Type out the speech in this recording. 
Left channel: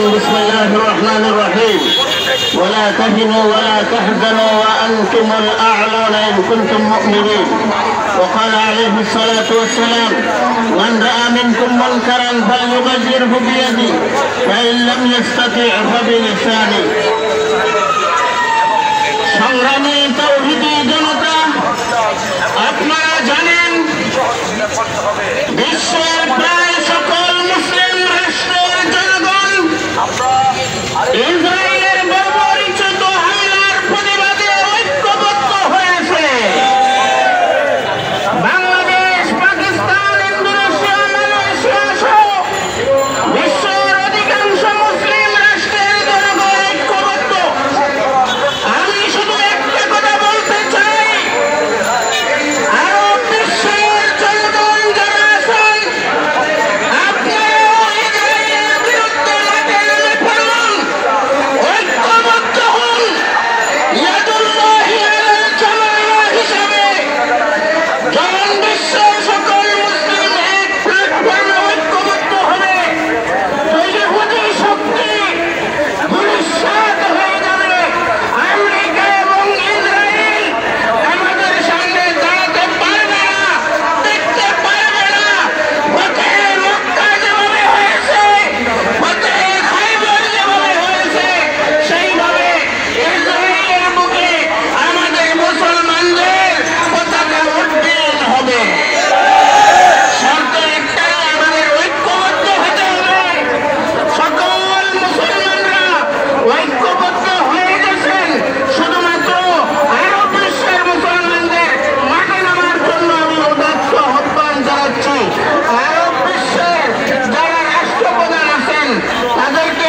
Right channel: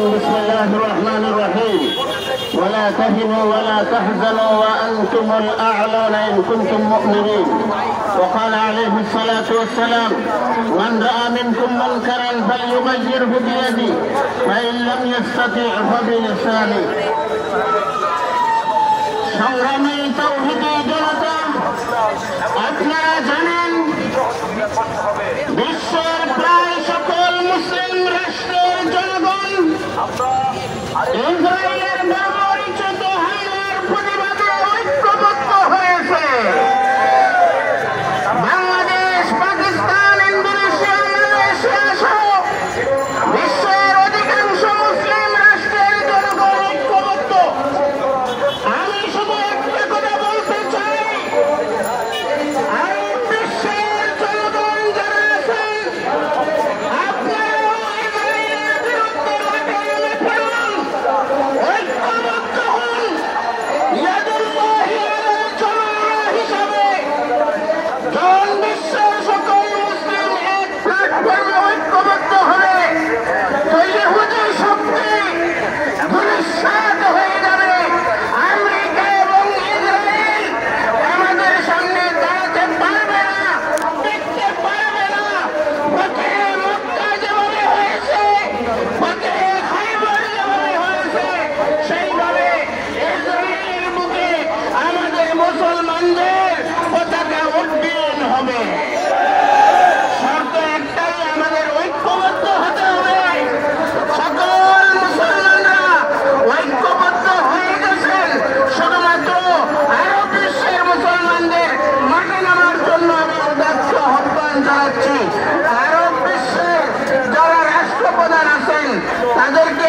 بسم الله الرحمن الرحيم ولا تهنوا ولا تحزنوا وأنتم الأعلون إن كنتم مؤمنين. وقال عليه الصلاة والسلام من رأى منكم منكرا فليغيره بيده فإن لم يستطع فبلسانه. সংগ্রামী তাওহীদি জনতা, আপনারা জানেন বিশ্বের প্রায় সকল মুসলিম রাষ্ট্রের জনগণ ইসরায়েলের ব্যবহৃত হামলার প্রতিবাদে ঐক্যবদ্ধ হয়েছে। বাংলাদেশ, পাকিস্তান, ইন্দোনেশিয়া, মালয়েশিয়া সহ বিশ্বের অধিকাংশ মুসলিম রাষ্ট্রের জনগণ ঐক্যবদ্ধ। আমি শুধু একটা কথা বলতে চাই, আরব বিশ্বের জনগণ যারা আছেন, আপনারাও ইসরায়েলের বিরুদ্ধে মাঠে নেমে পড়ুন, ঐক্যবদ্ধ হন। ইয়াদুল্লাহি আলাল জামাআহ হিসাবে যখন বিশ্বের সকল মুসলিম এক প্ল্যাটফর্মে ঐক্যবদ্ধ হবে, তৈহুদের শক্তি ভূমিষ্ঠ হয়ে যাবে। আমেরিকা এবং ইসরায়েল আমাদের সামনে দাঁড়াতে পারবে না, দেখতে পারবে না। ফতেহ মক্কা যেভাবে হয়েছে, ফতেহ খাইবার যেভাবে হয়েছে, সেইভাবে ইসরায়েলের বুকে আমাদের মুসলমানদের পতাকা উড্ডীন হবে। শর্ত একটাই, আমাদের ঐক্যবদ্ধ হতে হবে। সকল মুসলমানরা ঐক্যবদ্ধ হয়ে গেছেন, শুধুমাত্র আরব বিশ্বের মুসলমানদের মাঠে নামার জন্য আমি উদাত্ত আহ্বান জানাচ্ছি। আরব বিশ্বের যারা রাষ্ট্রপ্রধান আছেন তাদেরকে